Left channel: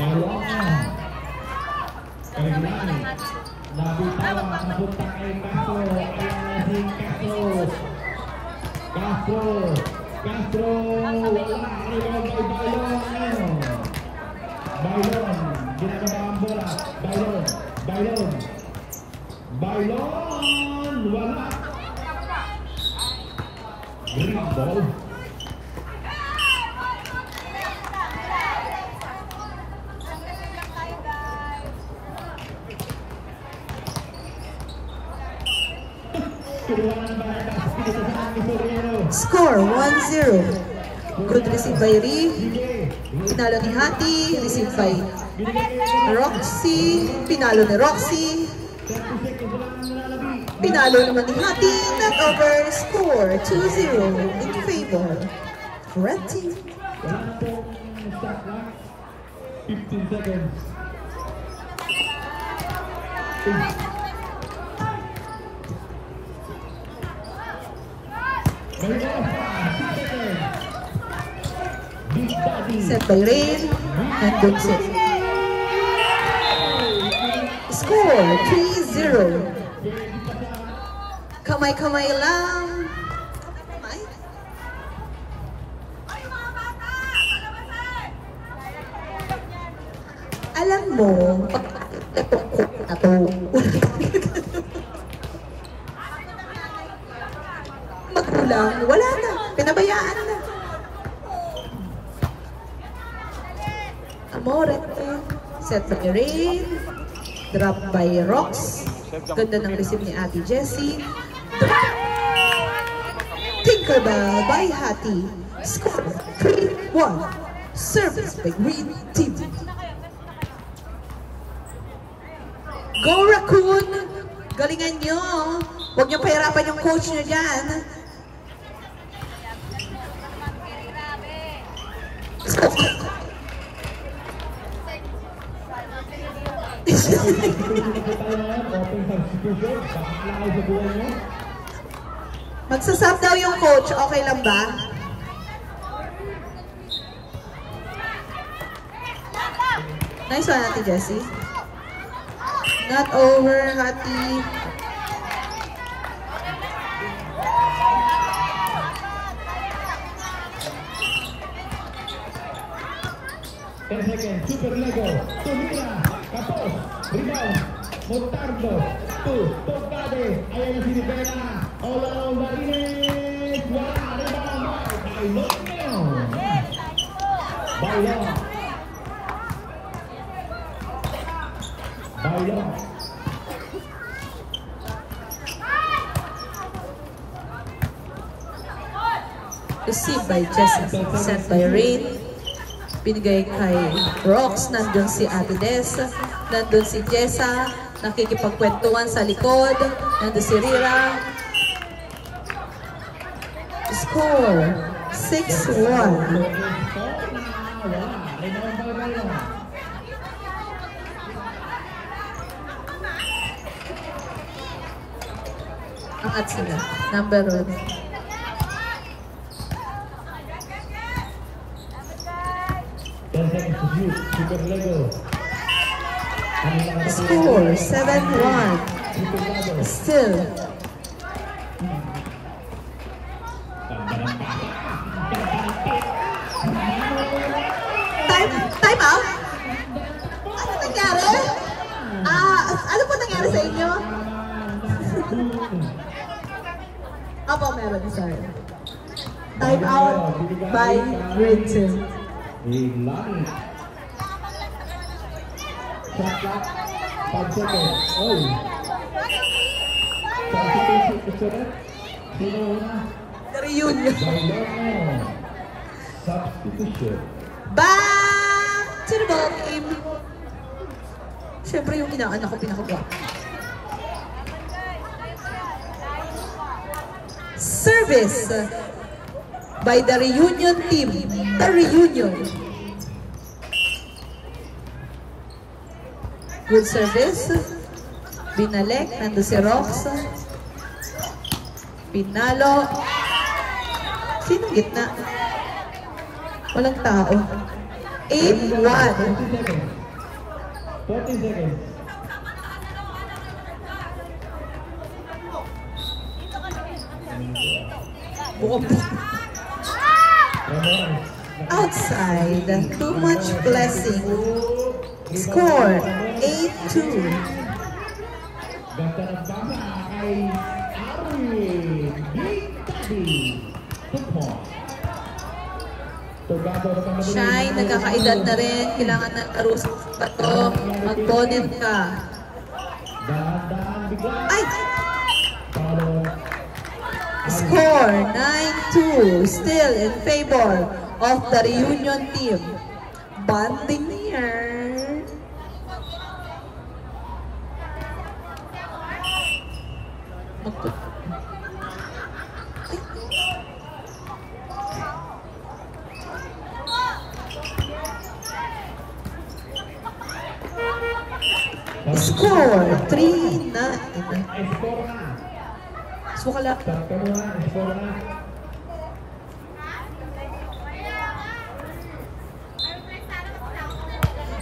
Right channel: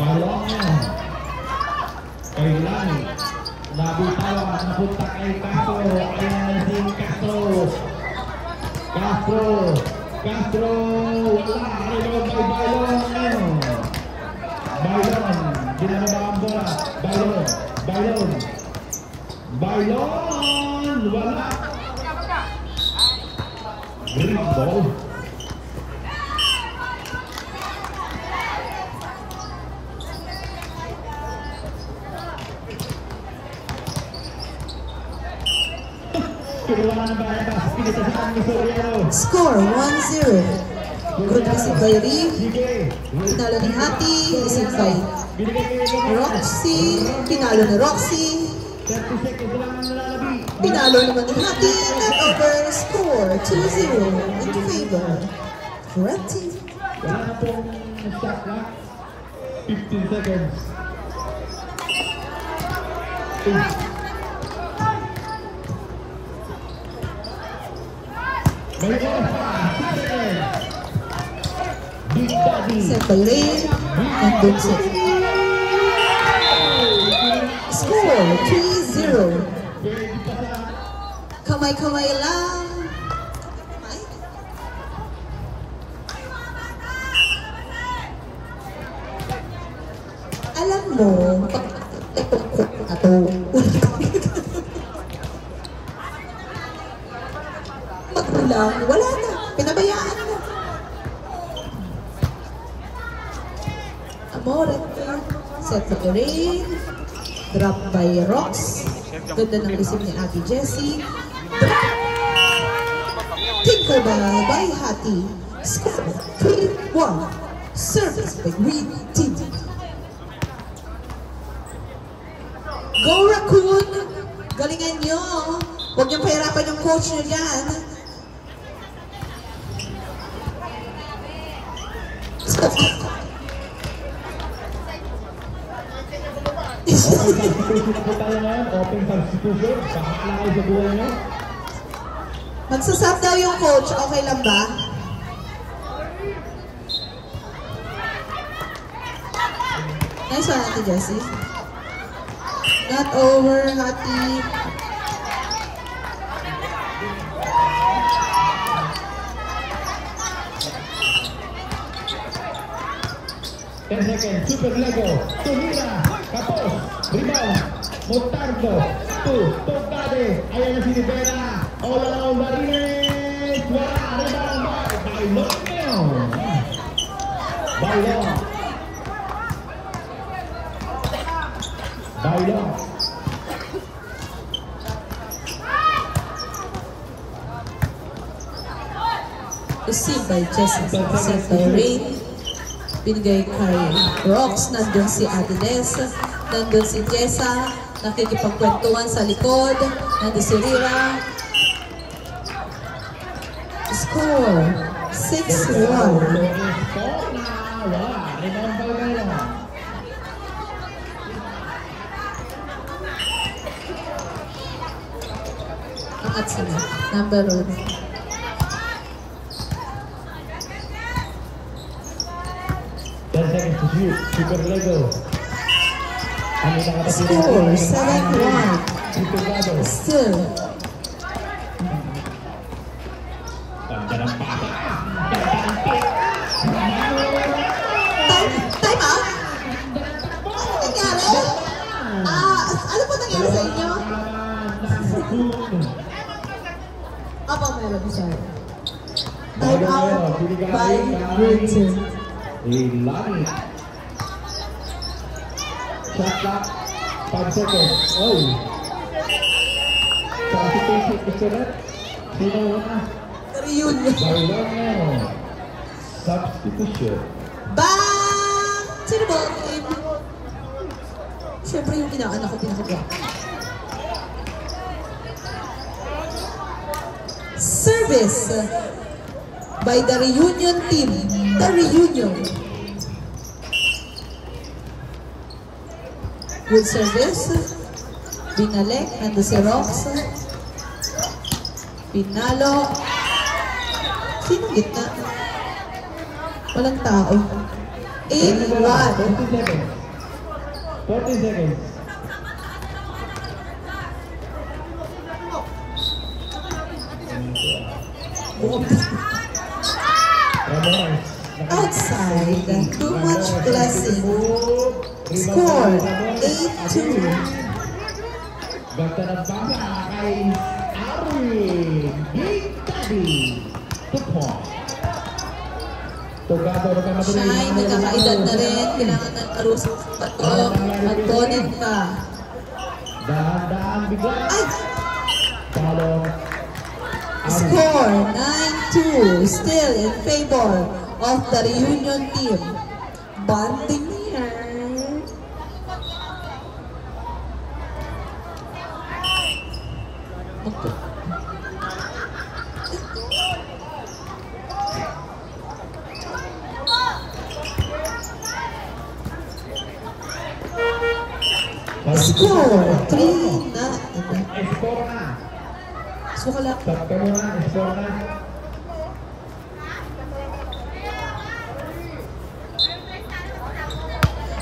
Balong. Kailan. Nabitaw ang punta kay Castro. Ayan si Castro. Castro. Castro. Wala. Ayaw kay Balong. Balong. Ginagawa ang bola. Balong. Balong. Balong. Wala. Green ball. Score 1-0. Good receive by Ri. Pinalo ni Hati. Receive by Roxy. Pinalo ni Roxy. Pinalo naman ni Hati. Net over. Score 2-0 in favor. Red team. 15 seconds. Set by Rain and Dunsit. Score 3-0. Kamay-kamay lang. Ay. Alam mo, ito. Magkulang, wala na. Pinabayaan na. Amore. Set by Rain. Drop by Rox. Ganda ng receive ni Ate Jessie. Tinkerbell by Hati. Score 3-1. Service by Green Team. Go Raccoon! Galingan nyo. Huwag niyong pahirapan yung coach nyo dyan. Magsasap daw yung coach. Okay lang ba? Nice one, Ate Jessie. Not over, Hati. Super Lego, Tumina, Kapos, Rebound, Montardo, Tocade, ayan na si Rivera, all around Marines, Bailon. Received by Jessie, sent by Rain. Binigay kay Rox, nandun si Ate Des, nandun si Jessa, nakikipagkwentuhan sa likod, nandun si Rira. Score 6-1. Angat sila, number 1. Super Lego. Score 7-1. Still. Time out? Ano nangyari? Ano po nangyari sa inyo? Ako meron, sorry. Time out by Green Team. Line. Shot clock, 5 seconds. Oh. Reunion. Substitution. Back to the ball game. Siyempre yung inaanak ko pinakagawa. Service by the Reunion team. The Reunion. Good service. Binalik. Nando si Rox. Pinalo. Sino gitna? Walang tao. 8-1. 14 seconds. Outside, too much blessing. Score 8-2. Ganda ng baba kay Arwin Gitabi. 2 points. Siya ay nagkakaedad na rin. Kailangan na arusap pa to. Mag-bonnet ka. Dahan-dahan bigla. Ay! Follow. Score 9-2. Still in favor of the reunion team. Bonding here. Score 3-9. Sukala.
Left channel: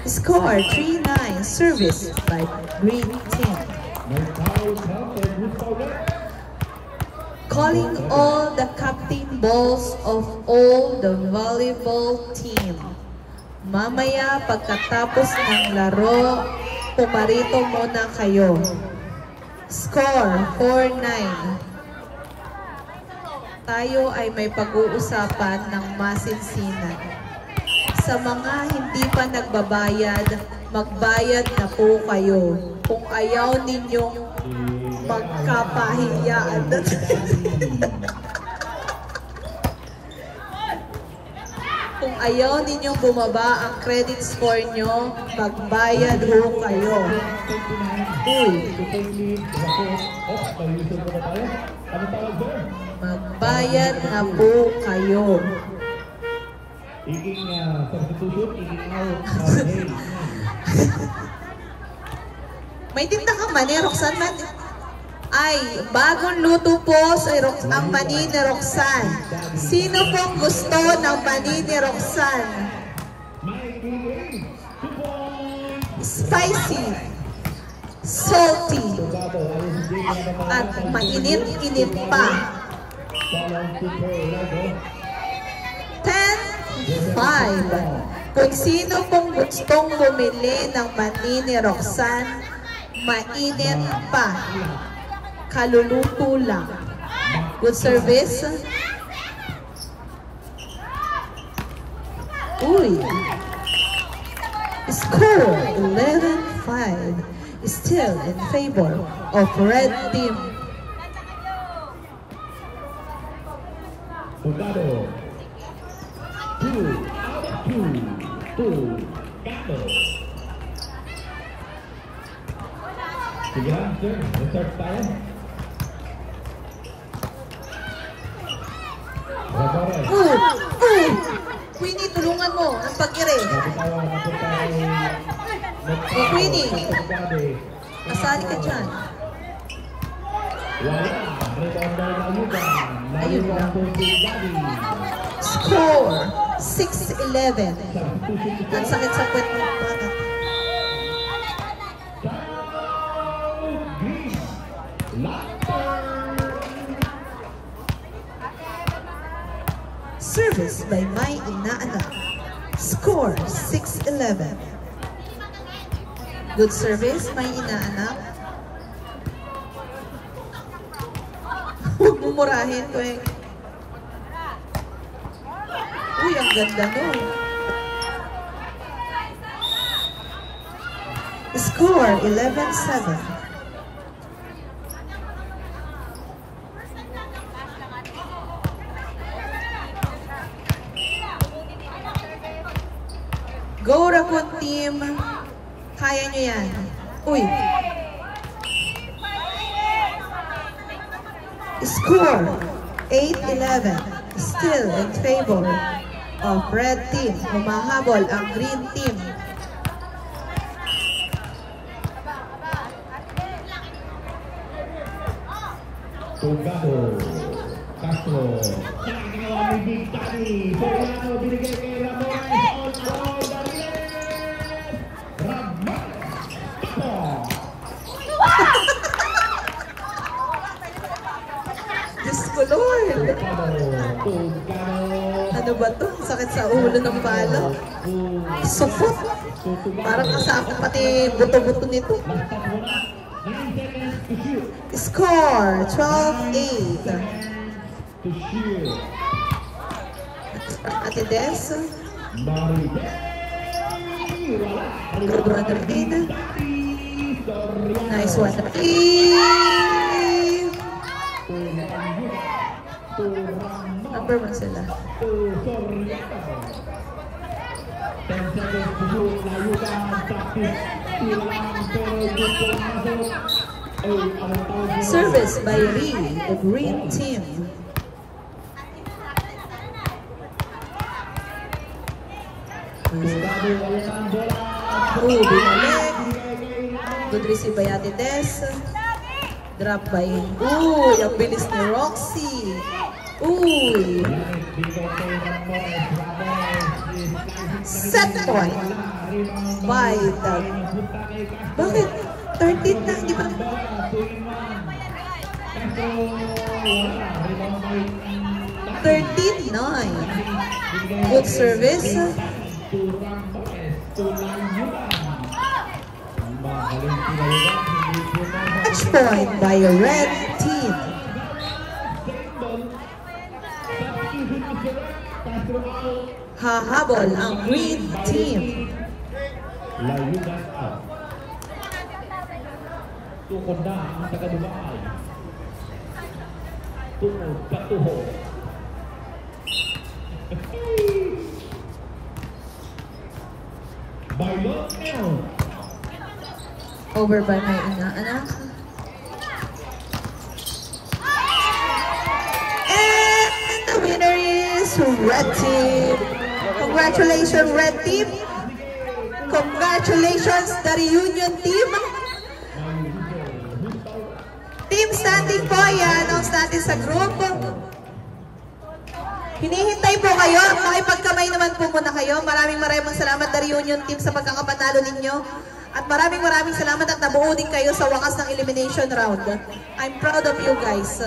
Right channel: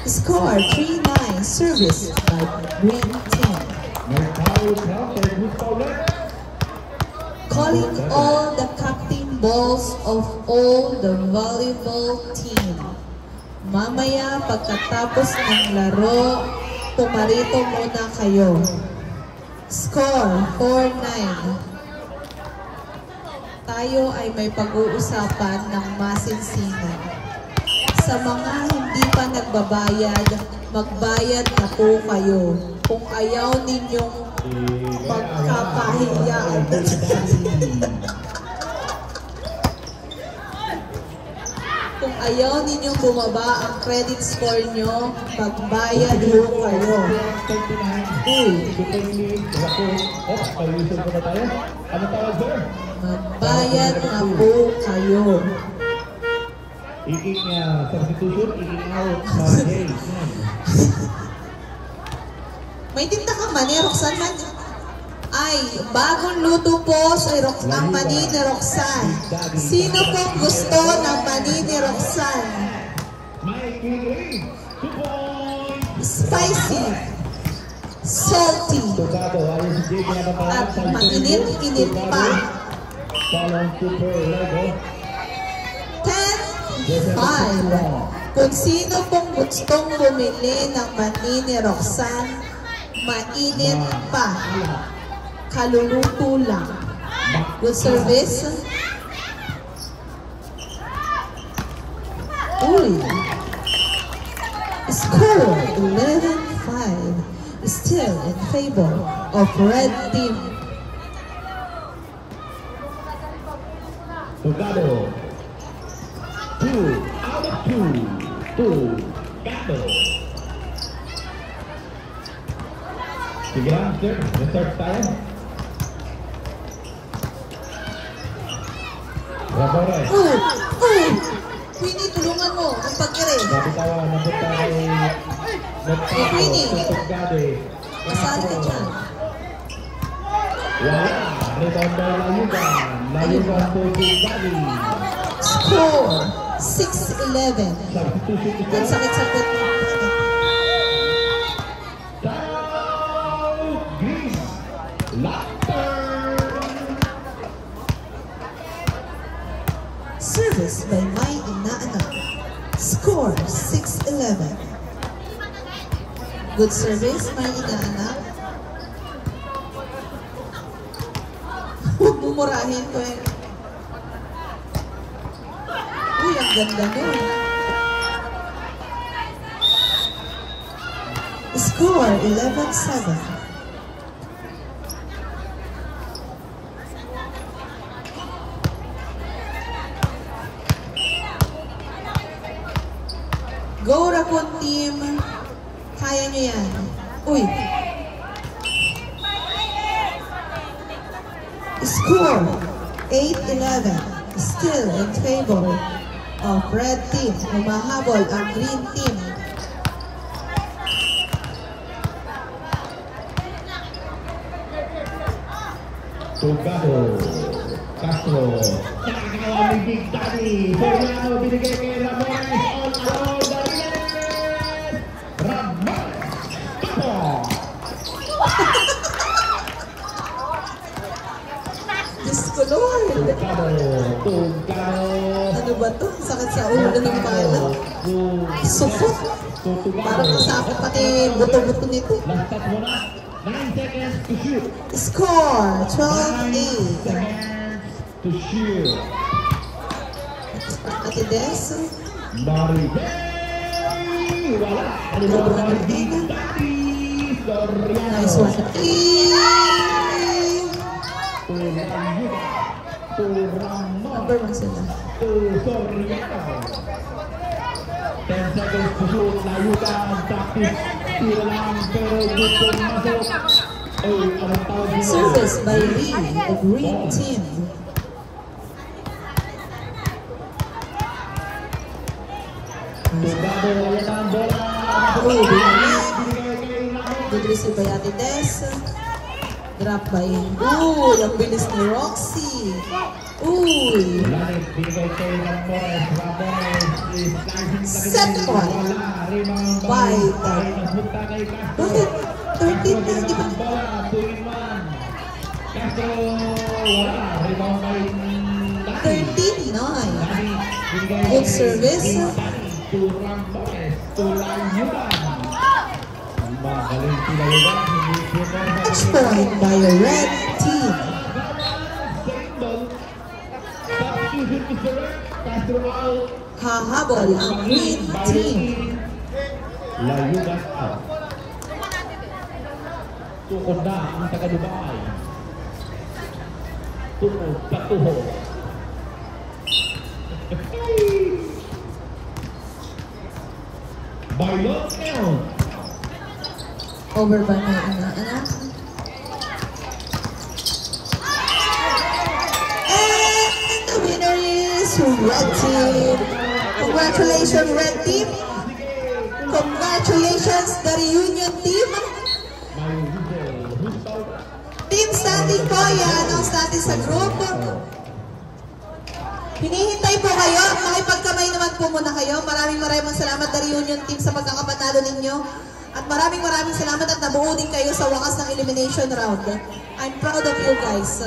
Score 3-9. Service by Green Team. Calling all the captain balls of all the volleyball team. Mamaya pagkatapos ng laro, pumarito muna kayo. Score 4-9. Tayo ay may pag-uusapan ng masinsinan. Sa mga hindi pa nagbabayad, magbayad na po kayo. Kung ayaw ninyong magkapahiyaan. Kung ayaw ninyong bumaba ang credit score nyo, magbayad ho kayo. Magbayad na po kayo. Substitution, out. May tinda ka man eh, Roxanne man. Ay, bagong luto po sa ang mani ni Roxanne. Sino pong gusto ng mani ni Roxanne? Spicy, salty, at mainit-init pa. 10-5. Kung sino pong gustong bumili ng mani ni Roxanne, mainit pa. Kaluluto lang. Good service. Uy. Score 11-5. Still in favor of red team. Togado. 2 out of 2. Gato. Sige lang, sir. Reserve tayo. Queenie, tulungan mo ang pag-ire. Queenie, kasali ka dyan. Score 6-11. Ang sakit-sakit mo. Service by my inaanak. Score 6-11. Good service, my inaanak. Huwag mumurahin ko eh. Uy, ang ganda nun. Score 11-7. Go Rakon team. Kaya nyo yan. Uy. Score 8-11. Still in favor of red team. Humahabol ang green team. Togado. Castro. Nakagawa ni Big Daddy. Soriano binigay kay Ramirez. ba to? Sakit sa ulo ng bala. Sufot. Parang masakit pati buto-buto nito. Score, 12-8. Ate Des. Nice one. Number 1 sila. Service by Lee, the green team. Good receive by Ate Des. Drop by, uy, ang bilis ni Roxy. Uy. Set point by the... Bakit? 13 na, di ba? 13-9. Good service. Match point by the red team. Hahabol ang green team. Tukod na ang taga-Dubai. Tukod, katuho. Bayon. Over by my anak. And the winner is red team. Congratulations, red team. Congratulations, the reunion team. Team standing po, i-announce natin sa group. Hinihintay po kayo. Makipagkamay naman po muna kayo. Maraming salamat the reunion team sa pagkakapanalo ninyo. At maraming salamat at nabuo din kayo sa wakas ng elimination round. I'm proud of you guys.